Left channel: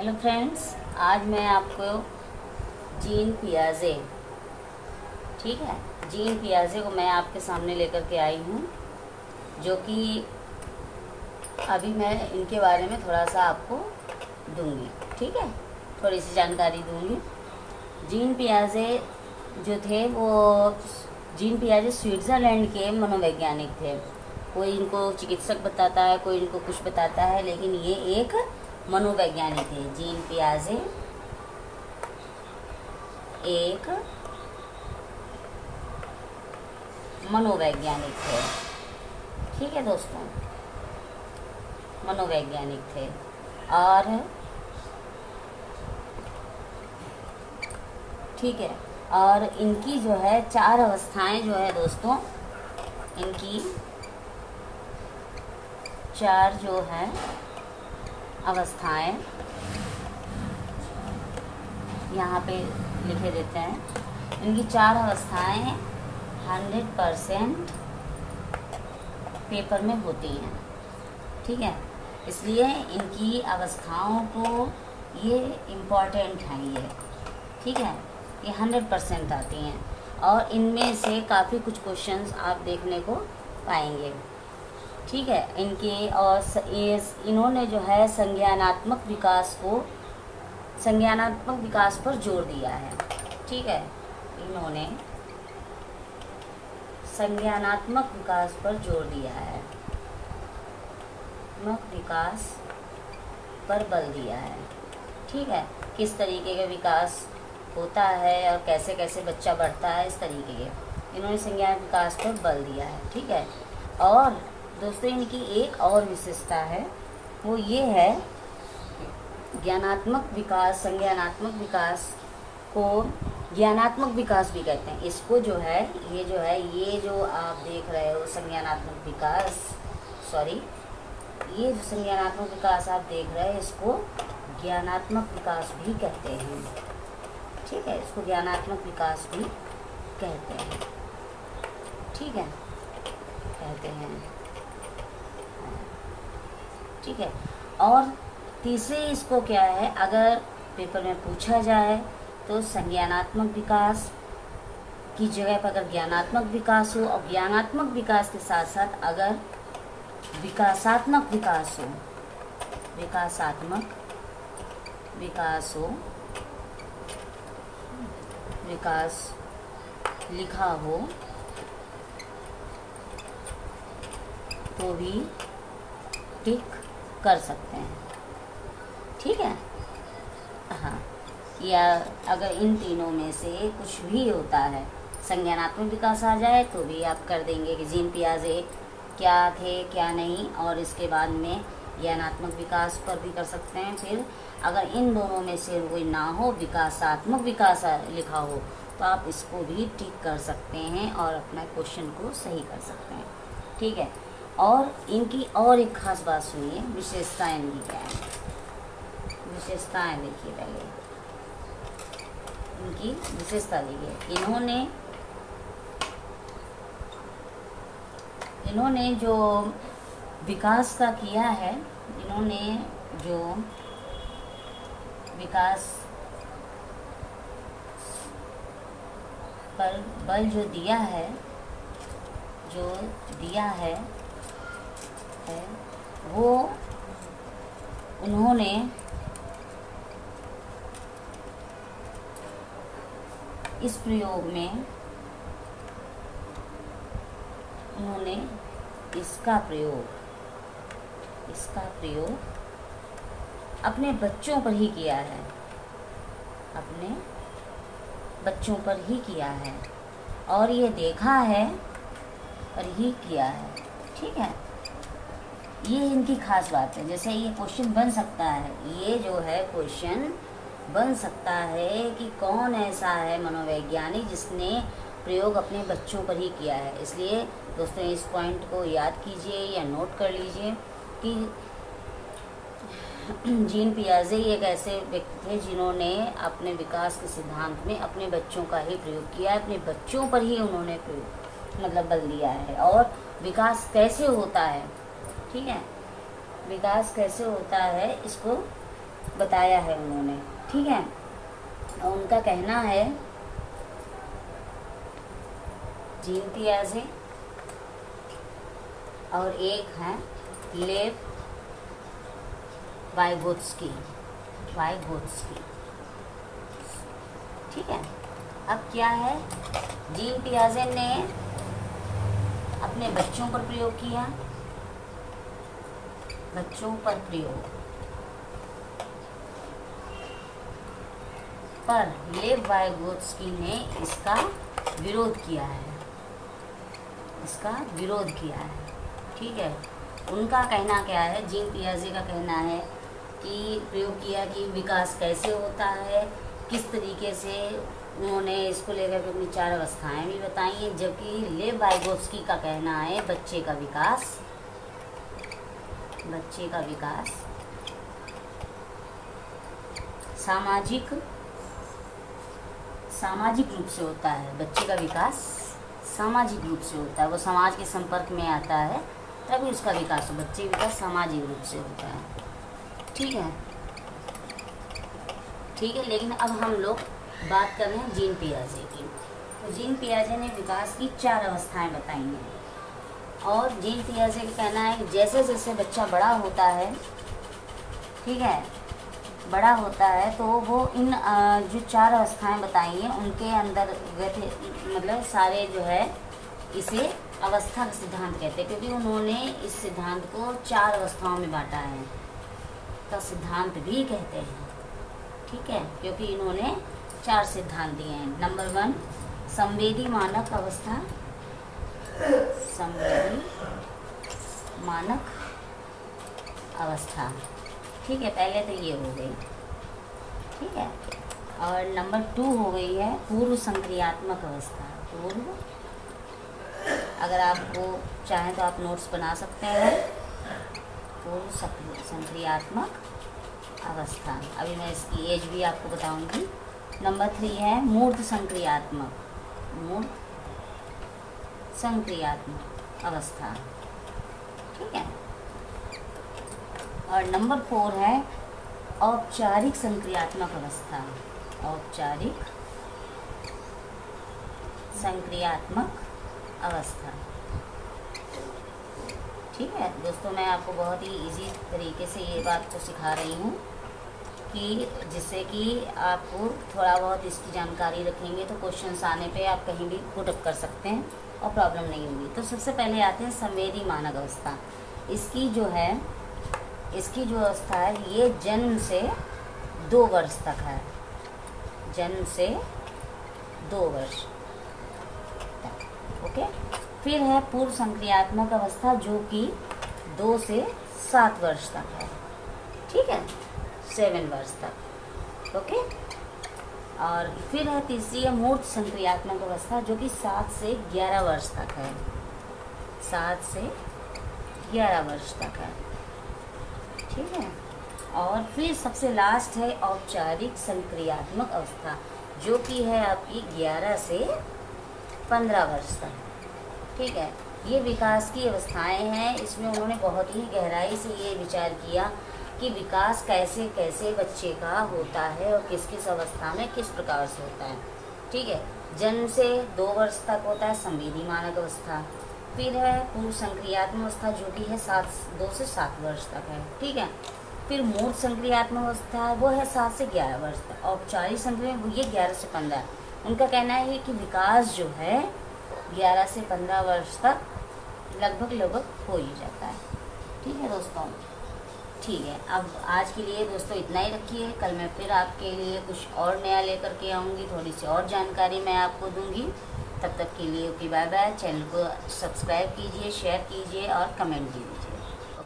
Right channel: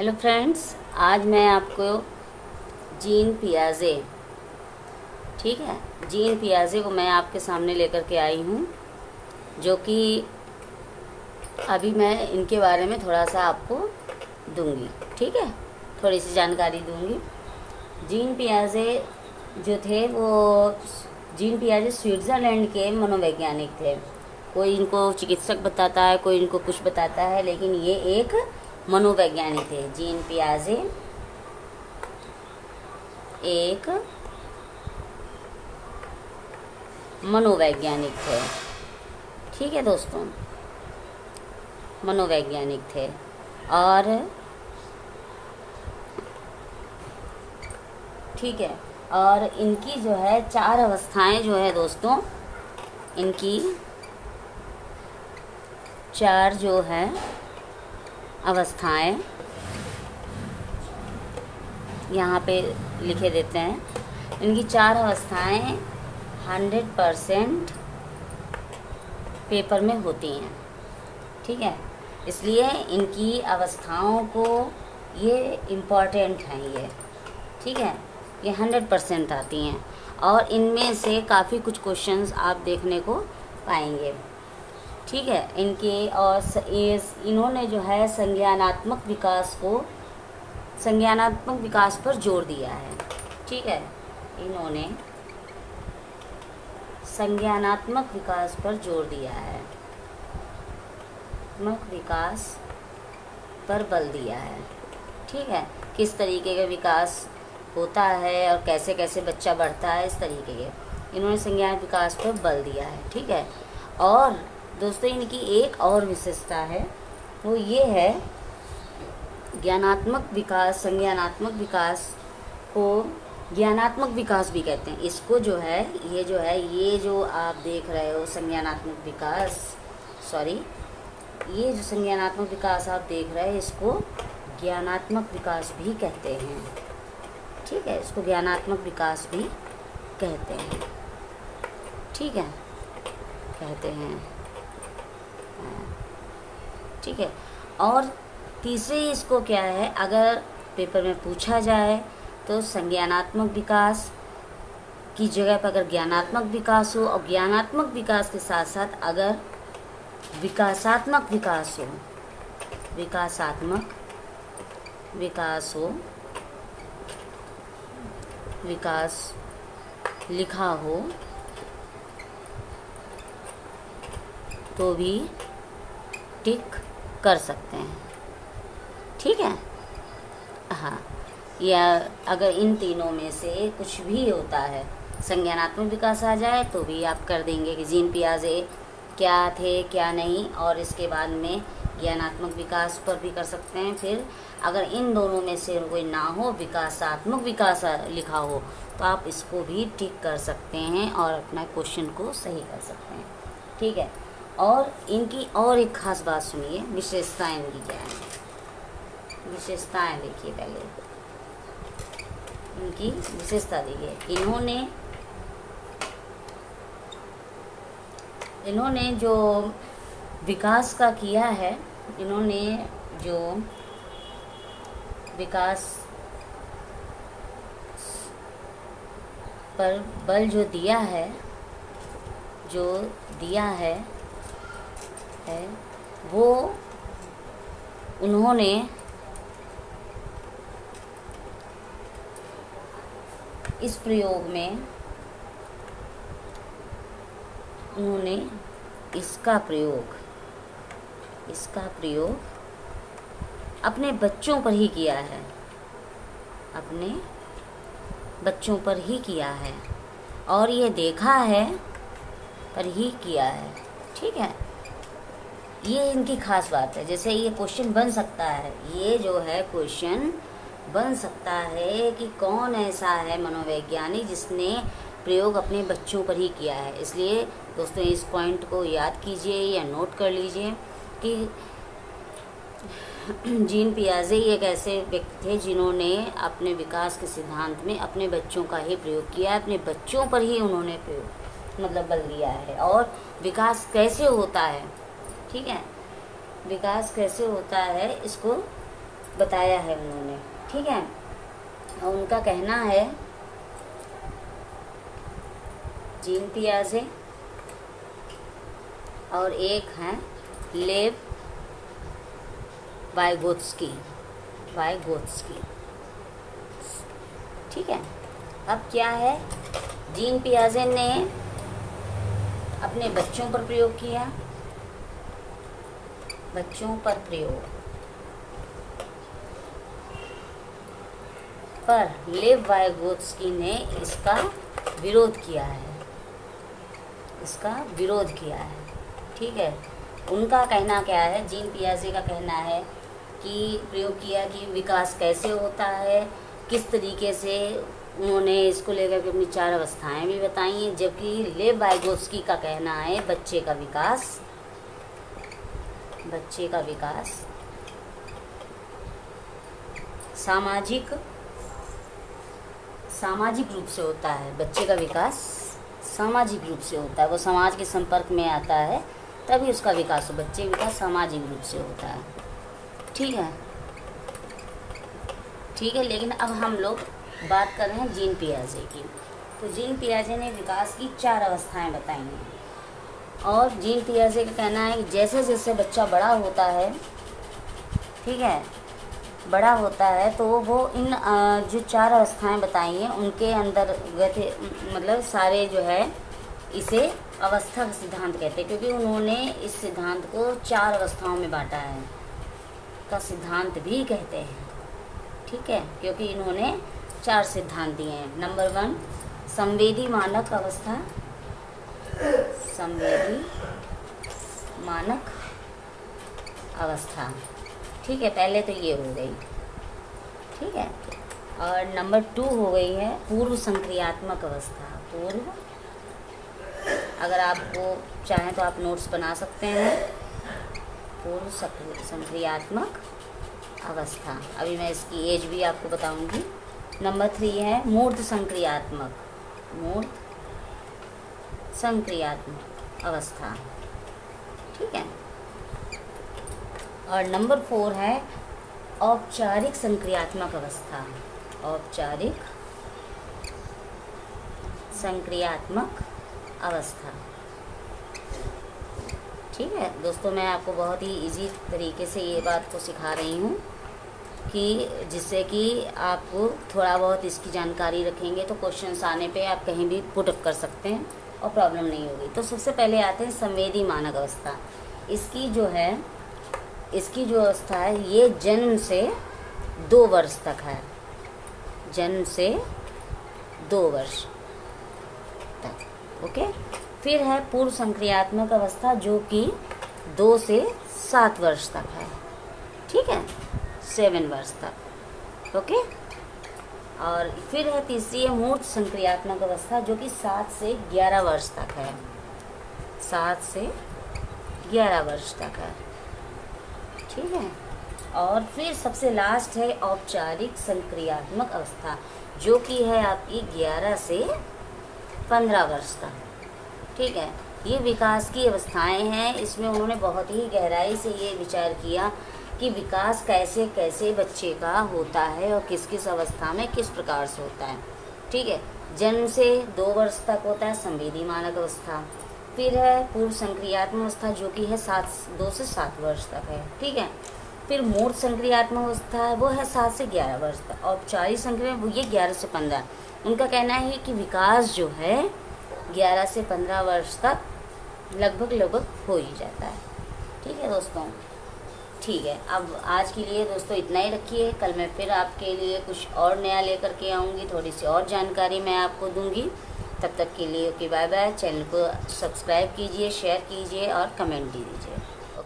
Hello friends, आज मैं आपको जीन पियाजे, ठीक है, जीन पियाजे को मैं आपके सामने लेकर के आई हूँ, जो कि अभी मैं इनके बारे में थोड़ा सा आपको दूंगी। ठीक है, थोड़ी सी जानकारी दूंगी। जीन पियाजे जो थे वो जीन पियाजे स्विट्ज़रलैंड के मनोवैज्ञानिक थे। कोई इनको चिकित्सक बताता है, कोई इनको कुछ बताता है, लेकिन ये एक मनोवैज्ञानिक है। जीन पियाजे एक मनोवैज्ञानिक थे। ठीक है दोस्तों, मनोवैज्ञानिक थे। और ठीक है, और इनकी जो है 4 अवस्थाएं जो है दोस्तों, इनकी 4 जो है अवस्थाएं यहाँ पे लिखे देते हैं। इनकी 4 अवस्थाएं 100% पेपर में होती हैं। ठीक है, इसलिए इनकी अवस्थाओं को ये इम्पॉर्टेंट हैं ये। ठीक है, ये 100% आती हैं और इनमें से काफ़ी कुछ क्वेश्चंस आप देखने को पाएंगे। ठीक है, इनके और इन्होंने जो है संज्ञानात्मक विकास पर जोर दिया है। ठीक है, इन्होंने संज्ञानात्मक विकास पर जोर दिया है, विकास पर बल दिया है। ठीक है, किस तरीके का विकास होता है और कैसे कैसे बच्चा बढ़ता है, इस तरीके के इन्होंने संज्ञान विकास पर बल दिया है। ठीक है, और दोस्तों इनकी एक और विशेषता है, वो ये है ज्ञानात्मक विकास। संज्ञानात्मक विकास को ज्ञानात्मक विकास भी कहते हैं। इसको जो है ये जो आप देख रहे हो संज्ञानात्मक विकास, ये जो संज्ञानात्मक विकास आप देख रहे हैं, इसको ज्ञानात्मक विकास भी कहते हैं। ठीक है, इसको ज्ञानात्मक विकास भी कहते हैं। ठीक है, कहते हैं। ठीक है, और तीसरे इसको क्या है, अगर पेपर में पूछा जाए तो संज्ञानात्मक विकास की जगह पर अगर ज्ञानात्मक विकास हो, और ज्ञानात्मक विकास के साथ साथ अगर विकासात्मक विकास हो, विकास लिखा हो तो भी टिक कर सकते हैं। ठीक है, हाँ, या अगर इन तीनों में से कुछ भी होता है, संज्ञानात्मक विकास आ जाए तो भी आप कर देंगे कि जीन पियाजे क्या थे क्या नहीं, और इसके बाद में ज्ञानात्मक विकास पर भी कर सकते हैं। फिर अगर इन दोनों में से कोई ना हो, विकासात्मक विकास लिखा हो, तो आप इसको भी टिक कर सकते हैं और अपना क्वेश्चन को सही कर सकते हैं। ठीक है, और इनकी और एक खास बात सुनिए, विशेषताएं इनकी क्या है। विशेषताएं देखिए, पहले इनकी विशेषता देखिए। इन्होंने जो विकास का किया है, इन्होंने जो विकास पर बल जो दिया है, वो उन्होंने इस प्रयोग में इसका प्रयोग अपने बच्चों पर ही किया है, और ये देखा है पर ही किया है। ठीक है, ये इनकी खास बात है। जैसे ये क्वेश्चन बन सकता है, ये जो है क्वेश्चन बन सकता है कि कौन ऐसा है मनोवैज्ञानिक जिसने प्रयोग अपने बच्चों पर ही किया है। इसलिए दोस्तों इस पॉइंट को याद कीजिए या नोट कर लीजिए कि जीन पियाजे एक ऐसे व्यक्ति थे जिन्होंने अपने विकास के सिद्धांत में अपने बच्चों का ही प्रयोग किया है, अपने बच्चों पर ही उन्होंने बल दिया है। और विकास कैसे होता है, ठीक है, विकास कैसे होता है इसको बताया है उन्होंने, ठीक है। और उनका कहना है, जीन पियाजे और एक हैं लेव वाइगोत्स्की, ठीक है। अब क्या है, जीन पियाजे ने अपने बच्चों पर प्रयोग किया, पर लेव वाइगोत्स्की ने इसका विरोध किया है, ठीक है। उनका कहना क्या है, जीन पियाजे का कहना है कि प्रयोग किया कि विकास कैसे होता है, किस तरीके से उन्होंने इसको लेकर के अपनी 4 अवस्थाएं भी बताई हैं, जबकि लेव वाइगोत्स्की का कहना है बच्चे का विकास सामाजिक रूप से होता है। बच्चे का विकास सामाजिक रूप से होता है, वो समाज के संपर्क में आता है तभी उसका विकास, बच्चे का विकास सामाजिक रूप से होता है, ठीक है। लेकिन अब हम लोग बात कर रहे हैं जीन पियाजे की। तो जीन पियाजे ने विकास की 4 अवस्थाएं बताई हैं, और जीन पियाजे का कहना है कि जैसे जैसे बच्चा बड़ा होता है, ठीक है, बड़ा होता है तो वो इन जो 4 अवस्थाएं बताई हैं उनके अंदर मतलब सारे जो है इसे अवस्था का सिद्धांत कहते हैं, क्योंकि उन्होंने इस सिद्धांत को 4 अवस्थाओं में बांटा है, का सिद्धांत भी कहते हैं, ठीक है, क्योंकि इन्होंने 4 सिद्धांत दिए हैं। नंबर 1 संवेदी मानक अवस्था, ठीक है, पहले तो ये हो गई, ठीक है। और नंबर 2 हो गई है पूर्व संक्रियात्मक अवस्था। अगर आपको चाहें तो आप नोट्स बना सकते हैं, पूर्व संक्रियात्मक अवस्था। अभी मैं इसकी एज भी आपको बताऊंगी। नंबर 3 है मूर्त संक्रियात्मक अवस्था, ठीक है। और नंबर 4 है औपचारिक संक्रियात्मक अवस्था, ठीक है दोस्तों। मैं आपको बहुत ही इजी तरीके से ये बात को सिखा रही हूँ कि जिससे कि आपको थोड़ा बहुत इसकी जानकारी रखेंगे तो क्वेश्चंस आने पे आप कहीं भी पुट अप कर सकते हैं और प्रॉब्लम नहीं होगी। तो सबसे पहले आते हैं संवेदी मानक अवस्था। इसकी जो अवस्था है ये जन्म से 2 वर्ष तक है, ओके। फिर है पूर्व संक्रियात्मक अवस्था जो कि 2 से 7 वर्ष तक है, ठीक है, 7 वर्ष तक, ओके। और फिर है तीसरी है मूर्त संक्रियात्मक अवस्था जो कि 7 से 11 वर्ष तक है, ठीक है। और फिर सबसे लास्ट है औपचारिक संक्रियात्मक अवस्था जो कि है आपकी 11 से 15 वर्ष तक, ठीक है। ये विकास की अवस्थाएं हैं। इसमें उन्होंने बहुत ही गहराई से ये विचार किया कि विकास कैसे कैसे बच्चे का होता है और किस किस अवस्था में किस प्रकार से होता है, ठीक है। जन्म से 2 वर्ष तक होता है संवेदी मानक अवस्था। फिर है पूर्व संक्रियात्मक अवस्था जो कि है 2 से 7 वर्ष तक है, ठीक है। फिर मूर्त संक्रियात्मक अवस्था है वो है 7 से 11 वर्ष तक। औपचारिक संक्रिया ये 11 से 15। उनका कहना है कि विकास जो है 11 से 15 वर्ष तक लगभग हो ही जाता है, ठीक है दोस्तों। ठीक है, अब आज के लिए दोस्तों इतना ही रखिए। कल मैं फिर आपके लिए कुछ और नया लेकर के आऊँगी, थोड़ी सी और जानकारी मैं आपको दूँगी। तब तक के लिए ओके, बाय बाय। चैनल को सब्सक्राइब कीजिए, शेयर कीजिए और कमेंट दीजिए।